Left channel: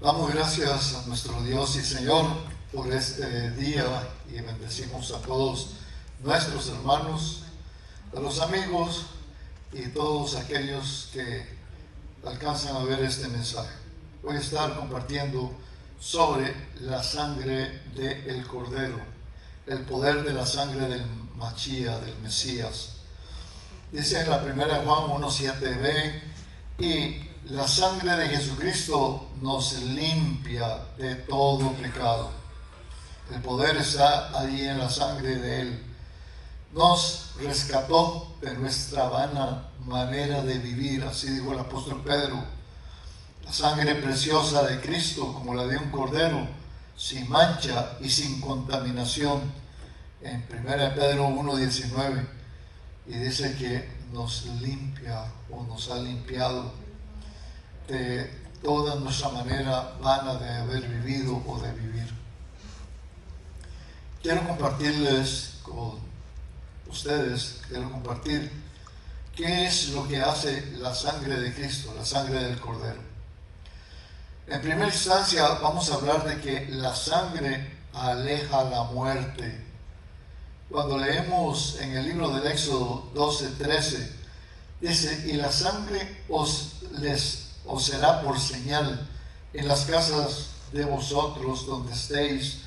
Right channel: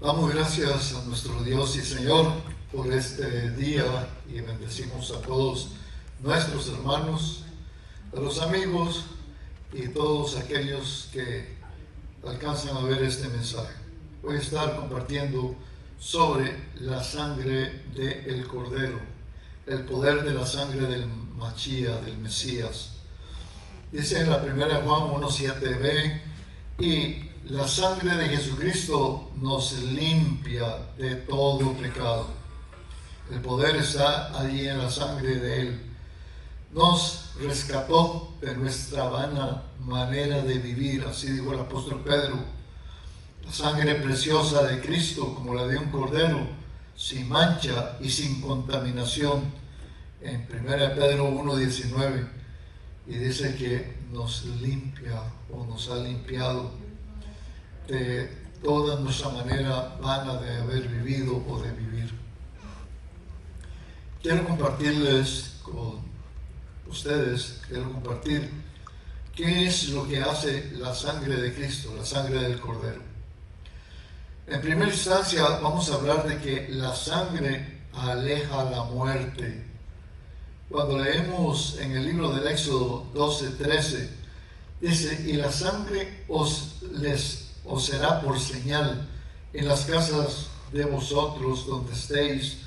Damos gracias a nuestro Dios y Señor por este día y bendecimos a todos nuestros hermanos, a los amigos y todos aquellos que alcanzan a ver este mensaje. Voy a estar compartiendo sobre la sangre del Cordero, el poder de la sangre del Machía, del Mesías. Dice en la primera Juan 1:7b, y la sangre de Jesucristo nos limpia de todo pecado. El poder está allí en la sangre de Él. Nos rescató de nuestra vana manera de vivir, así dijo el apóstol Pedro. La sangre preciosa de Cristo, como la de un cordero, sin mancha y sin contaminación, en 1 Pedro 1:19, y dice que nos limpia o nos ha limpiado de toda nuestra manera vana de haber vivido o de vivir. Quiero compartirles con ustedes, qué es lo que hace la sangre de Cristo, la sangre del Cordero. En primera instancia vamos a hablar de que la sangre aleja la muerte. Cuando leemos en el libro del Éxodo 12:13, dice, y la sangre os será por señal en las casas de vosotros donde estéis,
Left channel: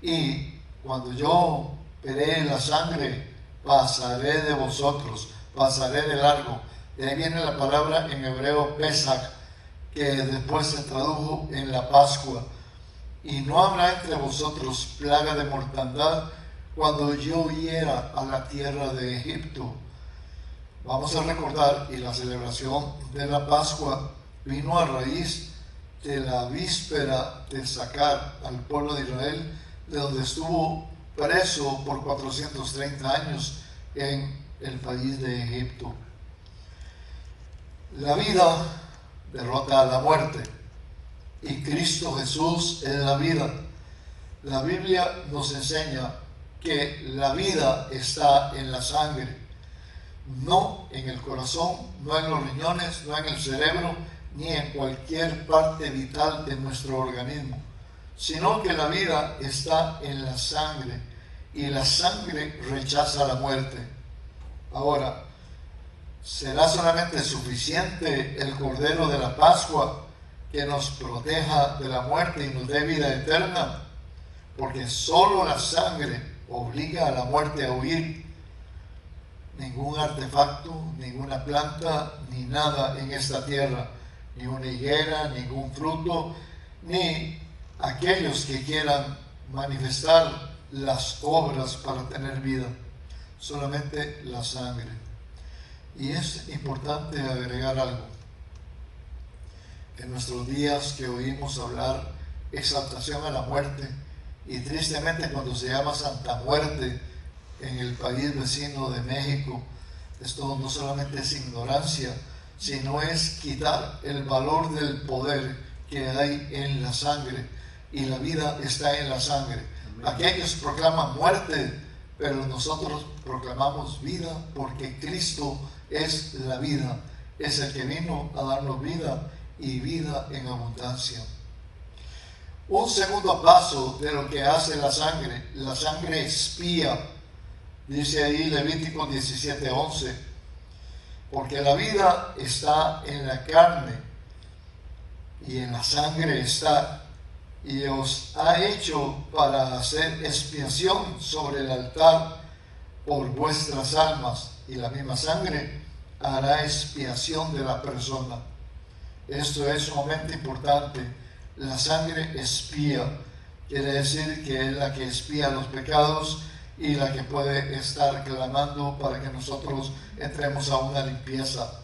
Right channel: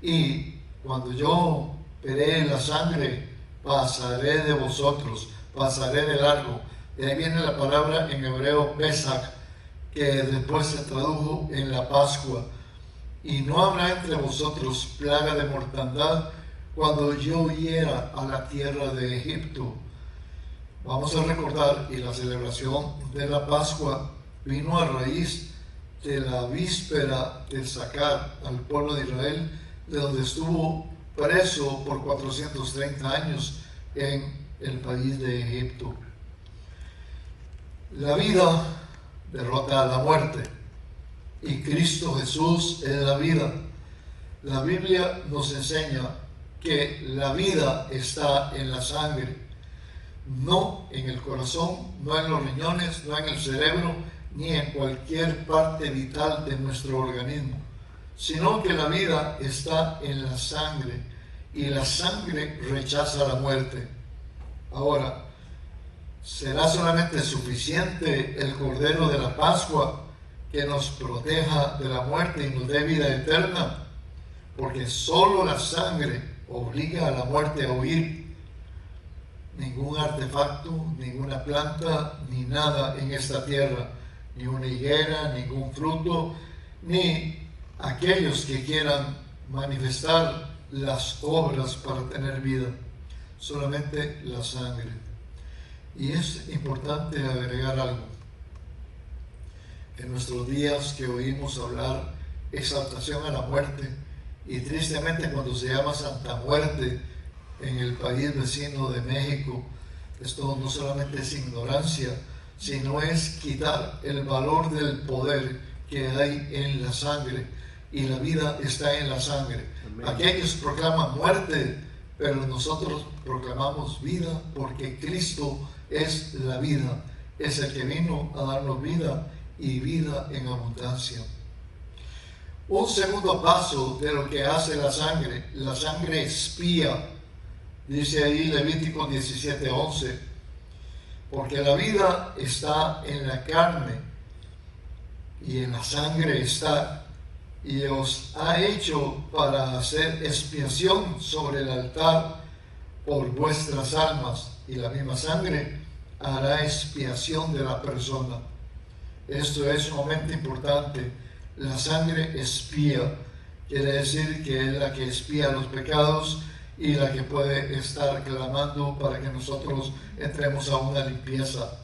y cuando yo veré la sangre, pasaré de vosotros, pasaré de largo. De ahí viene la palabra en hebreo Pesach, que después se tradujo en la Pascua. Y no habrá entre vosotros plaga de mortandad cuando yo hiera a la tierra de Egipto. Vamos a recordar, y la celebración de la Pascua vino a raíz de la víspera de sacar al pueblo de Israel de donde estuvo preso por 430 años en el país de Egipto. La vida derrota a la muerte y Cristo Jesús es la vida. La Biblia nos enseña que la vida está en la sangre, no en el corazón, no en los riñones, no en el cerebro, ni en cualquier parte vital de nuestro organismo, sino que la vida está en la sangre y la sangre rechaza la muerte. Ahora, ¿será solamente suficiente el Cordero de la Pascua que nos proteja de la muerte y nos dé vida eterna? Porque solo la sangre obliga a la muerte a huir. Ningún artefacto, ninguna planta, ni nada en esta tierra, ni una higuera, ningún fruto, ni aquellos que quieran manifestar las obras para tener vida, solamente la sangre. Y es importante agregar algo. En nuestros días que oímos hablar exaltación a la muerte, y tristemente cuando se llama Santa Muerte en el país vecino de México, esto no solamente es ignorancia, sino es quitar el valor del poder que hay en la sangre, y la vida está en la sangre. Amén. Aquellos proclaman muerte, pero nosotros proclamamos vida porque Cristo es la vida, es el que vino a darnos vida y vida en abundancia. Un segundo paso de lo que hace la sangre expía. Dice ahí Levítico 17:11, porque la vida está en la carne y en la sangre está, y os ha hecho para hacer expiación sobre el altar por vuestras almas, y la misma sangre hará expiación de la persona. Esto es sumamente importante. La sangre expía, quiere decir que es la que expía los pecados y la que puede estar clamando para que nosotros entremos a una limpieza.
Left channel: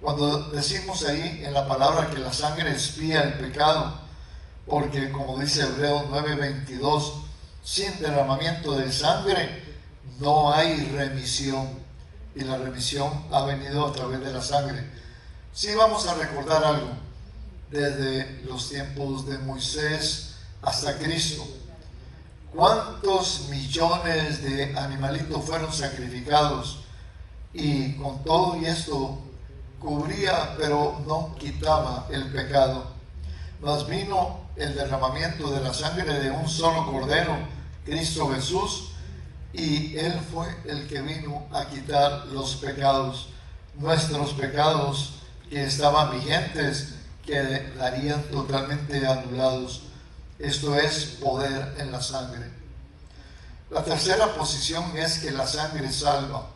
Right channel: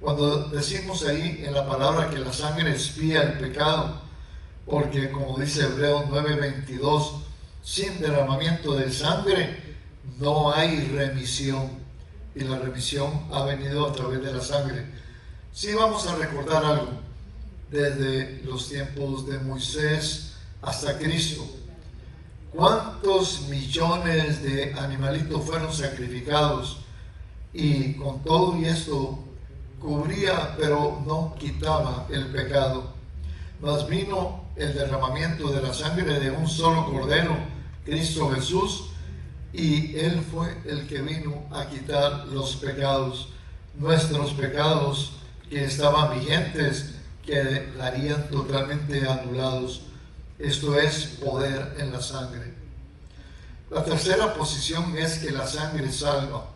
Cuando decimos ahí en la palabra que la sangre expía el pecado, porque como dice Hebreos 9:22, sin derramamiento de sangre no hay remisión, y la remisión ha venido a través de la sangre. Sí, vamos a recordar algo. Desde los tiempos de Moisés hasta Cristo, ¿cuántos millones de animalitos fueron sacrificados? Y con todo y esto cubría, pero no quitaba el pecado. mas vino el derramamiento de la sangre de un solo Cordero, Cristo Jesús, y Él fue el que vino a quitar los pecados, nuestros pecados que estaban vigentes, quedarían totalmente anulados. Esto es poder en la sangre. La tercera posición es que la sangre salva.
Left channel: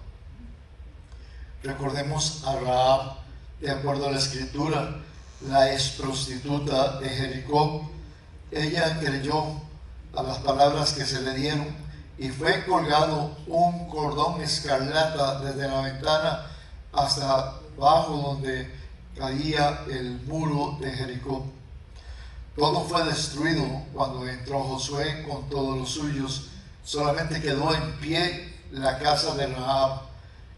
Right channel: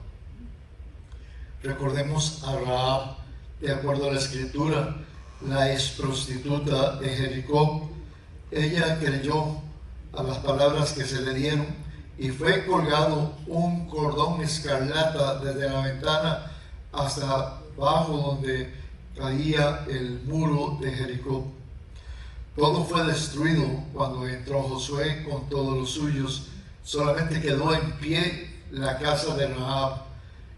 Recordemos a Rahab, de acuerdo a la Escritura, la ex prostituta de Jericó. Ella creyó a las palabras que se le dieron y fue colgado un cordón escarlata desde la ventana hasta abajo donde caía el muro de Jericó. Todo fue destruido cuando entró Josué con todos los suyos. Solamente quedó en pie la casa de Rahab.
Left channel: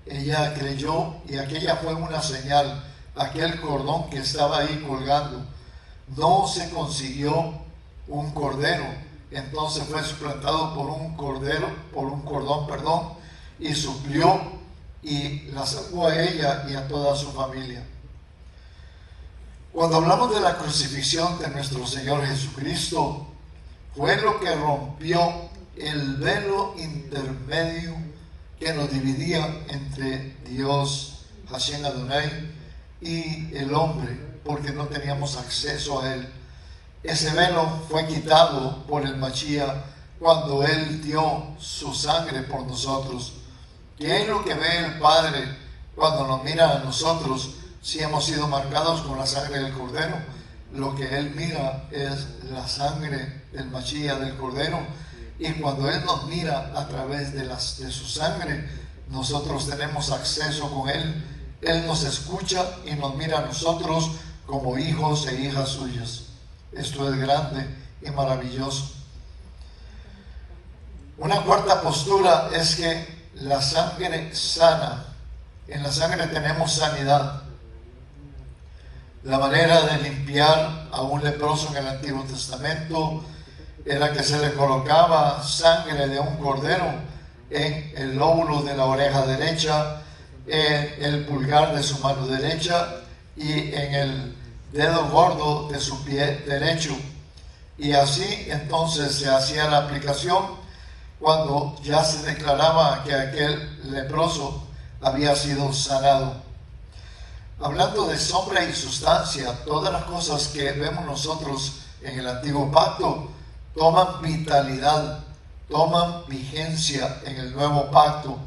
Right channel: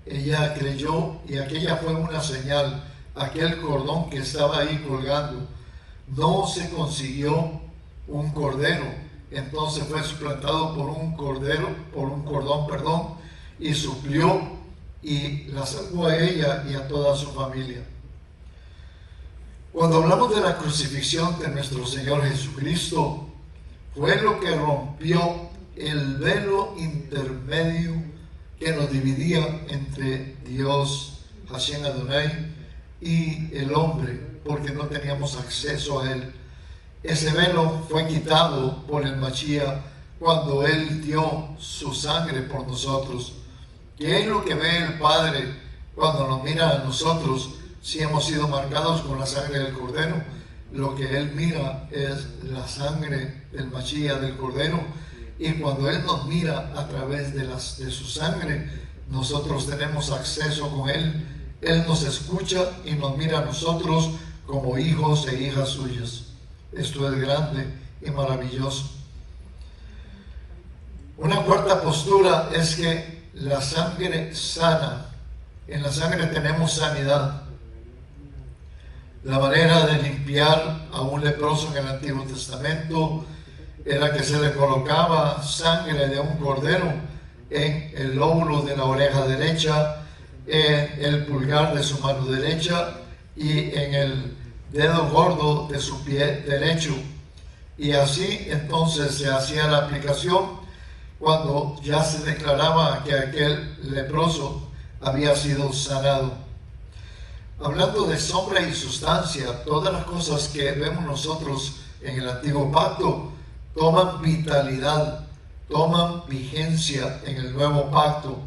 Ella creyó y aquella fue una señal. Aquel cordón que estaba ahí colgando, no se consiguió un cordero, entonces fue suplantado por un cordón, y suplió y la salvó a ella y a toda su familia. Cuando hablamos de la crucifixión de nuestro Señor Jesucristo, fue lo que rompió el velo intermedio que nos dividía entre Dios, Hashem Adonai, y el hombre, porque no teníamos acceso a Él. Ese velo fue quitado por el Mashiach cuando Él dio su sangre por nosotros. ¿Qué es lo que ve el Padre cuando nos mira a nosotros si hemos sido marcados con la sangre del Cordero? Lo que Él mira es la sangre del Mashiach, del Cordero, y cuando Él nos mira a través de su sangre, nosotros tenemos acceso con Él. Él nos escucha y nos mira a nosotros como hijos e hijas suyas. Esto es grande y maravilloso. Una cuarta postura es que la sangre sana. En la sangre tenemos sanidad. La manera de limpiar a un leproso en el Antiguo Testamento era que se le colocaba sangre de un cordero en el lóbulo de la oreja derecha, en el pulgar de su mano derecha y en el dedo gordo de su pie derecho. Y así entonces se hacía la aplicación cuando ya se declaraba que aquel leproso había sido sanado. Hablando de sombra y sustancia, todas las cosas que vemos nosotros en el Antiguo Pacto toman vitalidad, toman vigencia en el Nuevo Pacto.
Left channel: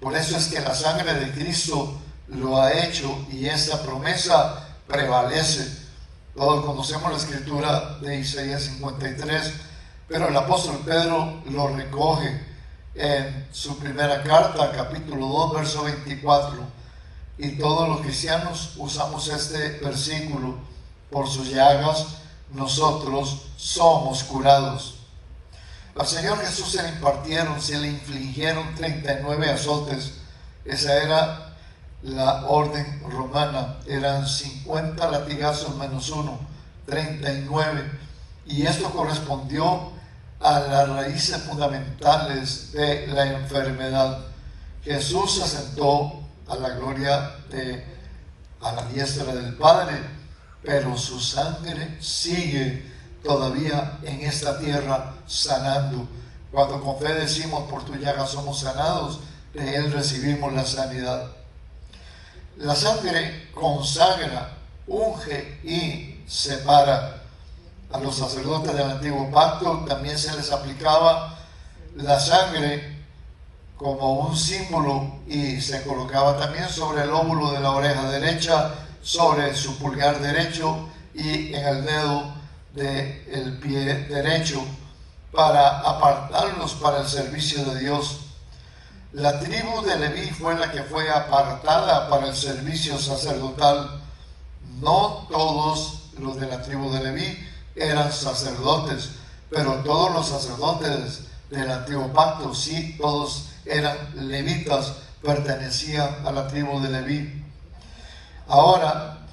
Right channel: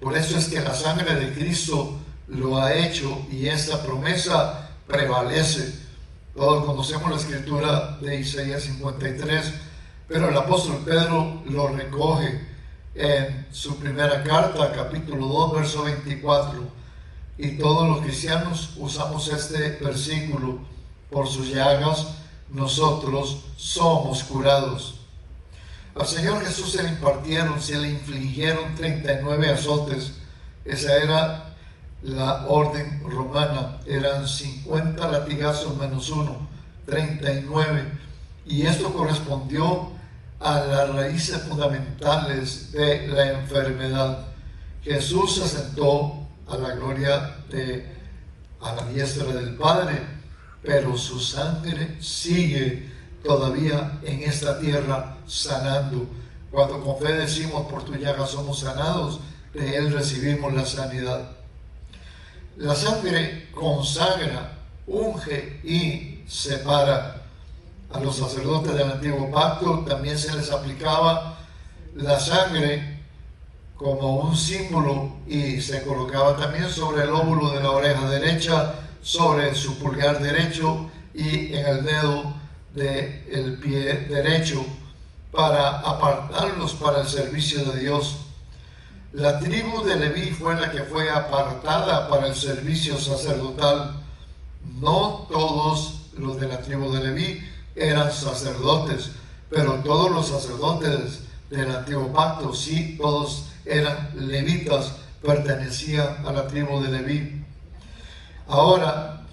Por eso es que la sangre de Cristo lo ha hecho y esta promesa prevalece. Todos conocemos la escritura de Isaías 53, pero el apóstol Pedro lo recoge en su primera carta, capítulo 2, verso 24. Y todos los cristianos usamos este versículo: por sus llagas nosotros somos curados. Al Señor Jesús se le infligieron 39 azotes. Esa era la orden romana. Eran 50 latigazos menos uno, 39. Y esto correspondió a las raíces fundamentales de la enfermedad. Jesús se sentó a la gloria a la diestra del Padre, pero su sangre sigue todavía en esta tierra sanando. Cuando con fe decimos: por tu llaga somos sanados, de Él recibimos la sanidad. La sangre consagra, unge y separa. A los sacerdotes del Antiguo Pacto también se les aplicaba la sangre como un símbolo y se colocaba también sobre el lóbulo de la oreja derecha, sobre su pulgar derecho y en el dedo del pie derecho, para apartarlos para el servicio de Dios. La tribu de Leví fue la que fue apartada para el servicio sacerdotal. No todos los de la tribu de Leví eran sacerdotes, pero todos los sacerdotes del Antiguo Pacto, sí, todos eran levitas, pertenecían a la tribu de Leví. Ahora,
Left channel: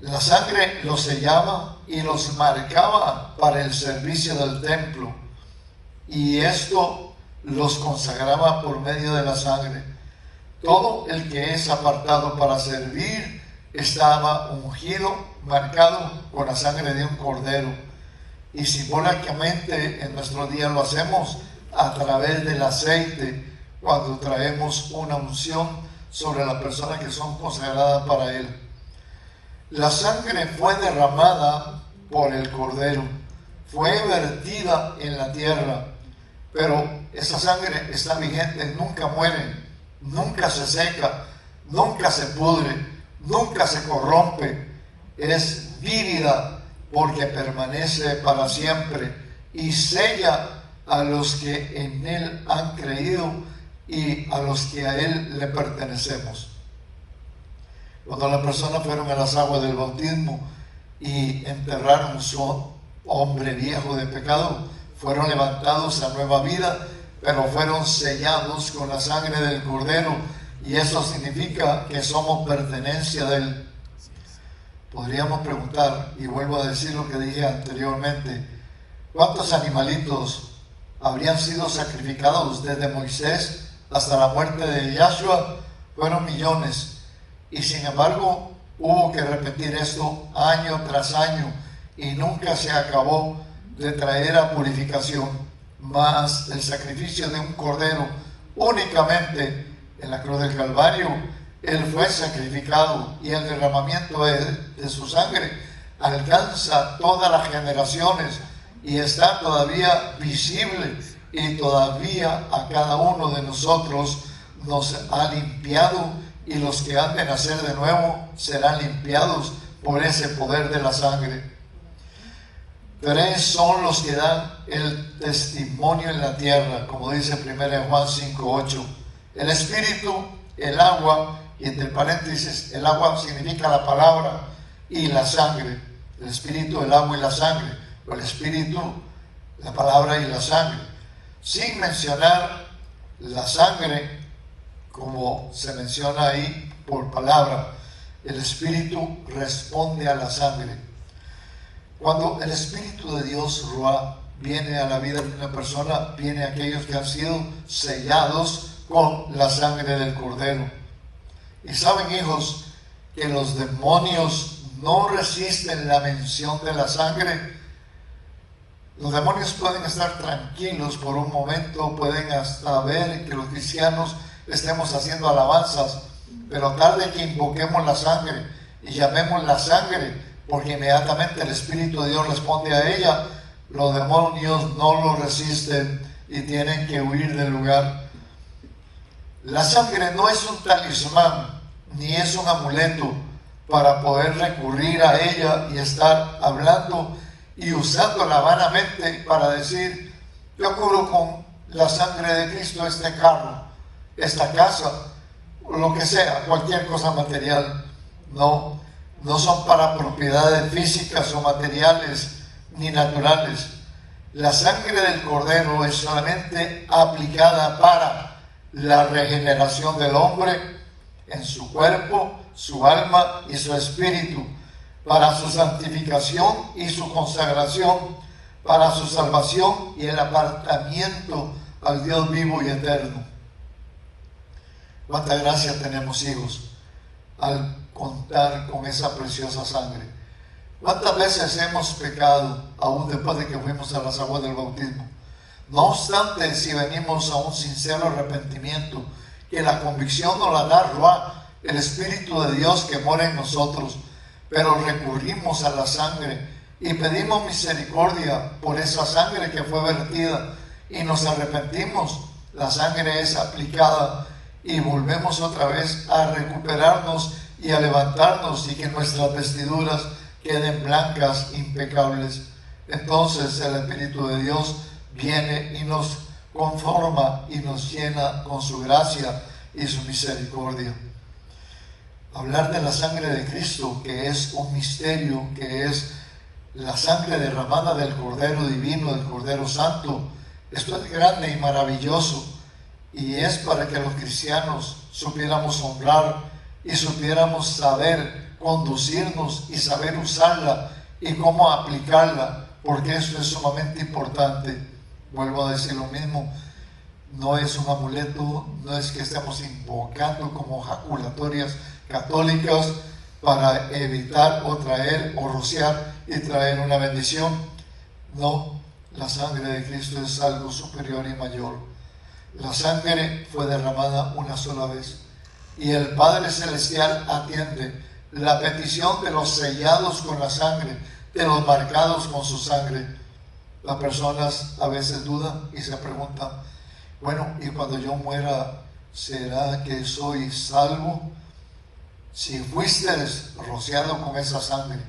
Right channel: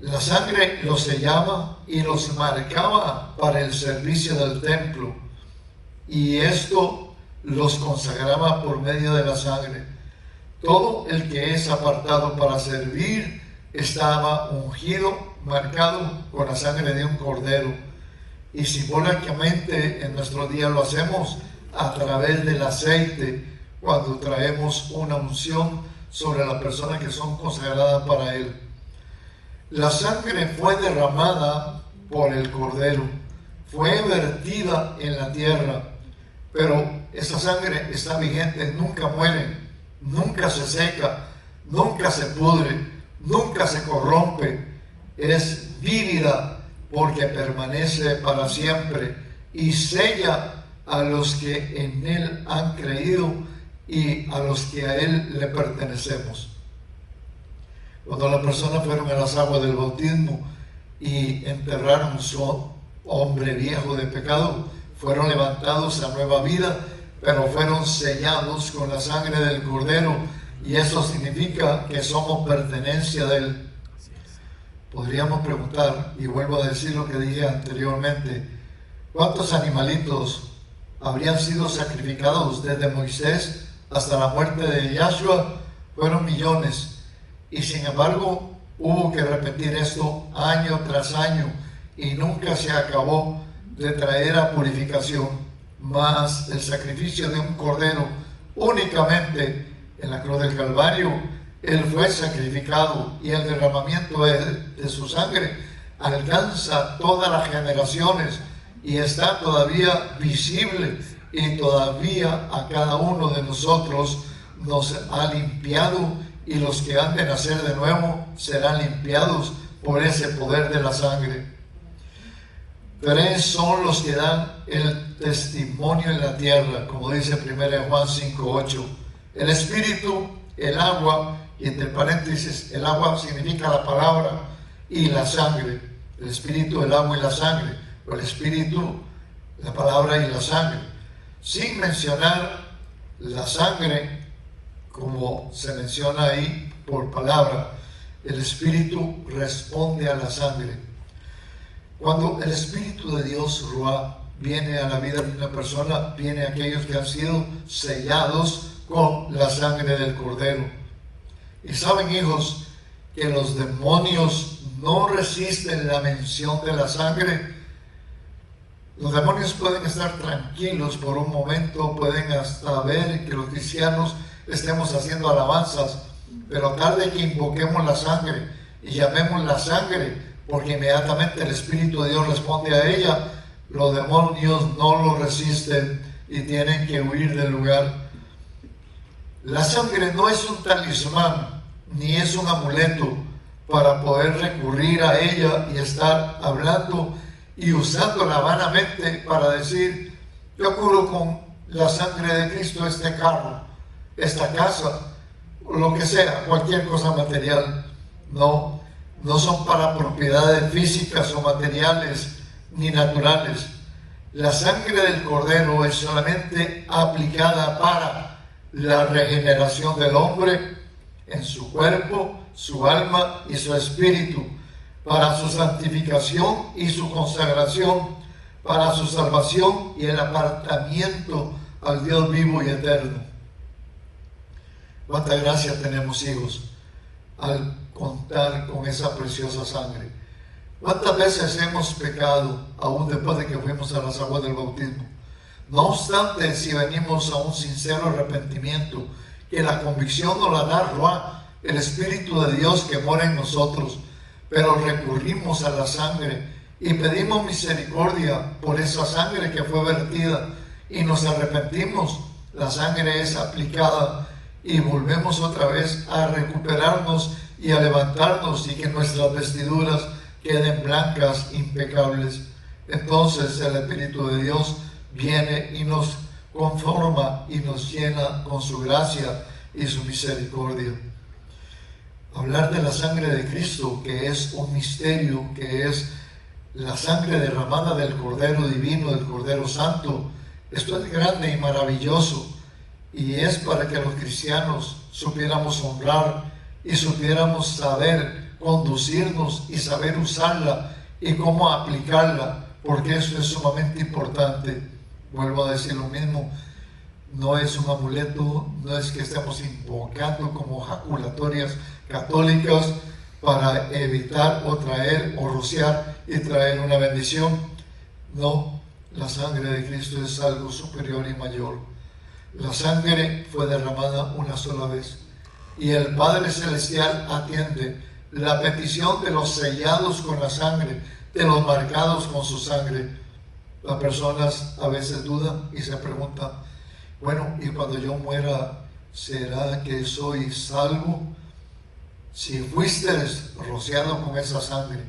la sangre los sellaba y los marcaba para el servicio del templo, y esto los consagraba por medio de la sangre. Todo el que es apartado para servir estaba ungido, marcado con la sangre de un cordero. Y simbólicamente en nuestros días lo hacemos a través del aceite, cuando traemos una unción sobre las personas que son consagradas para Él. La sangre fue derramada por el cordero, fue vertida en la tierra, pero esa sangre está vigente, nunca muere, nunca se seca, nunca se pudre, nunca se corrompe, es vívida porque permanece para siempre y sella a los que en Él han creído y a los que a Él le pertenecemos. Cuando las personas fueron a las aguas del bautismo y enterraron su hombre viejo de pecado, fueron levantados a nueva vida, pero fueron sellados con la sangre del Cordero, y eso significa que somos pertenencia de Él. Podríamos preguntar, y vuelvo a decir lo que dije anteriormente, ¿cuántos animalitos habrían sido sacrificados desde Moisés hasta la muerte de Yahshua? Fueron millones, y sin embargo hubo que repetir esto año tras año, y nunca se acabó de traer a purificación. Mas el sacrificio de un cordero, únicamente en la cruz del Calvario, Él fue sacrificado, y el derramamiento de su sangre alcanza todas las generaciones y está todavía visible, y todavía a cada uno de nosotros nos ha limpiado, y los que han de nacer de nuevo serán limpiados por ese poder de la sangre. Tres son los que dan el testimonio en la tierra, como dice 1 Juan 5:8. El espíritu, el agua, y entre paréntesis, el agua significa la palabra, y la sangre. El espíritu, el agua y la sangre. O el espíritu, la palabra y la sangre. Sin mencionar la sangre, como se menciona ahí por palabra, el espíritu responde a la sangre. Cuando el Espíritu de Dios, Ruah, viene a la vida de una persona, viene a aquellos que han sido sellados con la sangre del Cordero. Y saben, hijos, que los demonios no resisten la mención de la sangre. Los demonios pueden estar tranquilos por un momento, pueden hasta ver que los cristianos estemos haciendo alabanzas, pero tarde que invoquemos la sangre y llamemos la sangre, porque inmediatamente el Espíritu de Dios responde a ella, los demonios no lo resisten y tienen que huir del lugar. La sangre no es un talismán, ni es un amuleto para poder recurrir a ella y estar hablando y usándola vanamente para decir, yo curo con la sangre de Cristo este carro, esta casa, lo que sea, cualquier cosa material. No son para propiedades físicas o materiales ni naturales. La sangre del Cordero es solamente aplicada para la regeneración del hombre en su cuerpo, su alma y su espíritu, para su santificación y su consagración, para su salvación y el apartamiento al Dios vivo y eterno. Cuánta gracia tenemos, hijos, al contar con esa preciosa sangre. ¿Cuántas veces hemos pecado aún después de que fuimos a las aguas del bautismo? No obstante, si venimos a un sincero arrepentimiento, que la convicción nos la da Ruah, el Espíritu de Dios que mora en nosotros, pero recurrimos a la sangre y pedimos misericordia por esa sangre que fue vertida y nos arrepentimos, la sangre es aplicada y volvemos otra vez a recuperarnos y a levantarnos, y que nuestras vestiduras queden blancas, impecables. Entonces el Espíritu de Dios viene y nos conforma y nos llena con su gracia y su misericordia. Hablar de la sangre de Cristo, que es un misterio, que es la sangre derramada del Cordero Divino, del Cordero Santo, esto es grande y maravilloso, y es para que los cristianos supiéramos honrar y supiéramos saber conducirnos y saber usarla y cómo aplicarla, porque eso es sumamente importante. Vuelvo a decir lo mismo, no es un amuleto, no es que estemos invocando como jaculatorias católicas, para evitar o traer o rociar y traer una bendición. No, la sangre de Cristo es algo superior y mayor. La sangre fue derramada una sola vez y el Padre Celestial atiende la petición de los sellados con la sangre, de los marcados con su sangre. Las personas a veces dudan y se preguntan, bueno, y cuando yo muera, ¿será que soy salvo? Si fuiste rociado con esa sangre,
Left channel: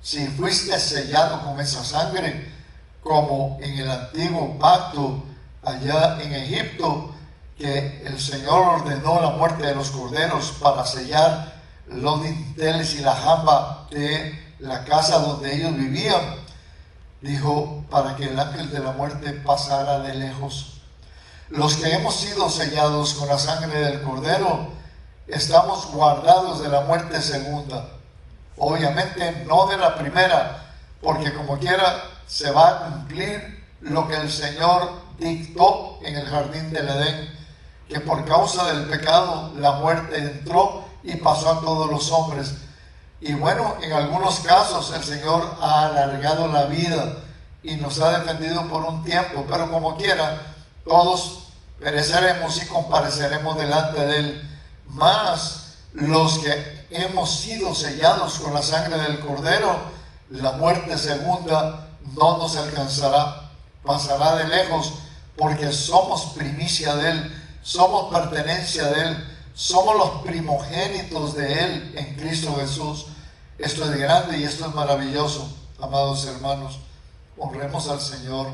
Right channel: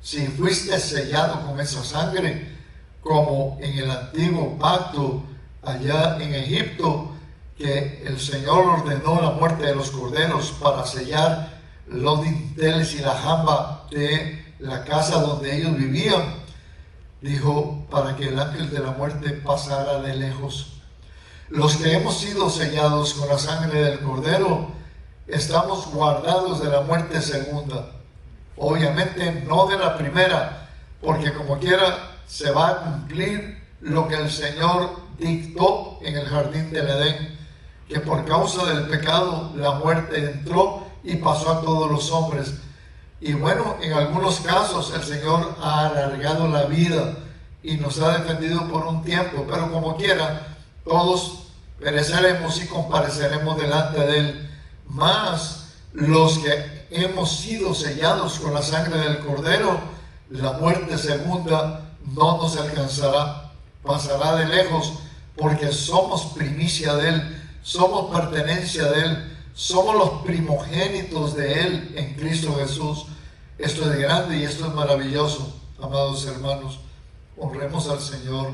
si fuiste sellado con esa sangre, como en el antiguo pacto allá en Egipto, que el Señor ordenó la muerte de los corderos para sellar los dinteles y la jamba de la casa donde ellos vivían, dijo, para que el ángel de la muerte pasara de lejos. Los que hemos sido sellados con la sangre del cordero, estamos guardados de la muerte segunda. Obviamente no de la primera, porque como quiera se va a cumplir lo que el Señor dictó en el jardín del Edén, que por causa del pecado la muerte entró y pasó a todos los hombres. Y bueno, en algunos casos el Señor ha alargado la vida y nos ha defendido por un tiempo, pero como quiera, todos pereceremos y compareceremos delante de Él. Mas los que hemos sido sellados con la sangre del Cordero, la muerte segunda no nos alcanzará, pasará de lejos, porque somos primicia de Él, somos pertenencia de Él, somos los primogénitos de Él en Cristo Jesús. Esto es grande y esto es maravilloso, amados hermanos. Honremos al Señor,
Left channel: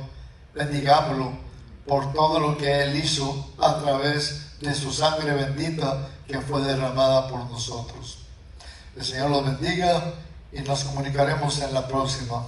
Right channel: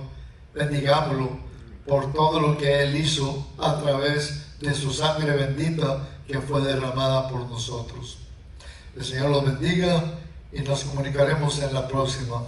bendigámoslo por todo lo que Él hizo a través de su sangre bendita que fue derramada por nosotros. El Señor los bendiga y nos comunicaremos en la próxima.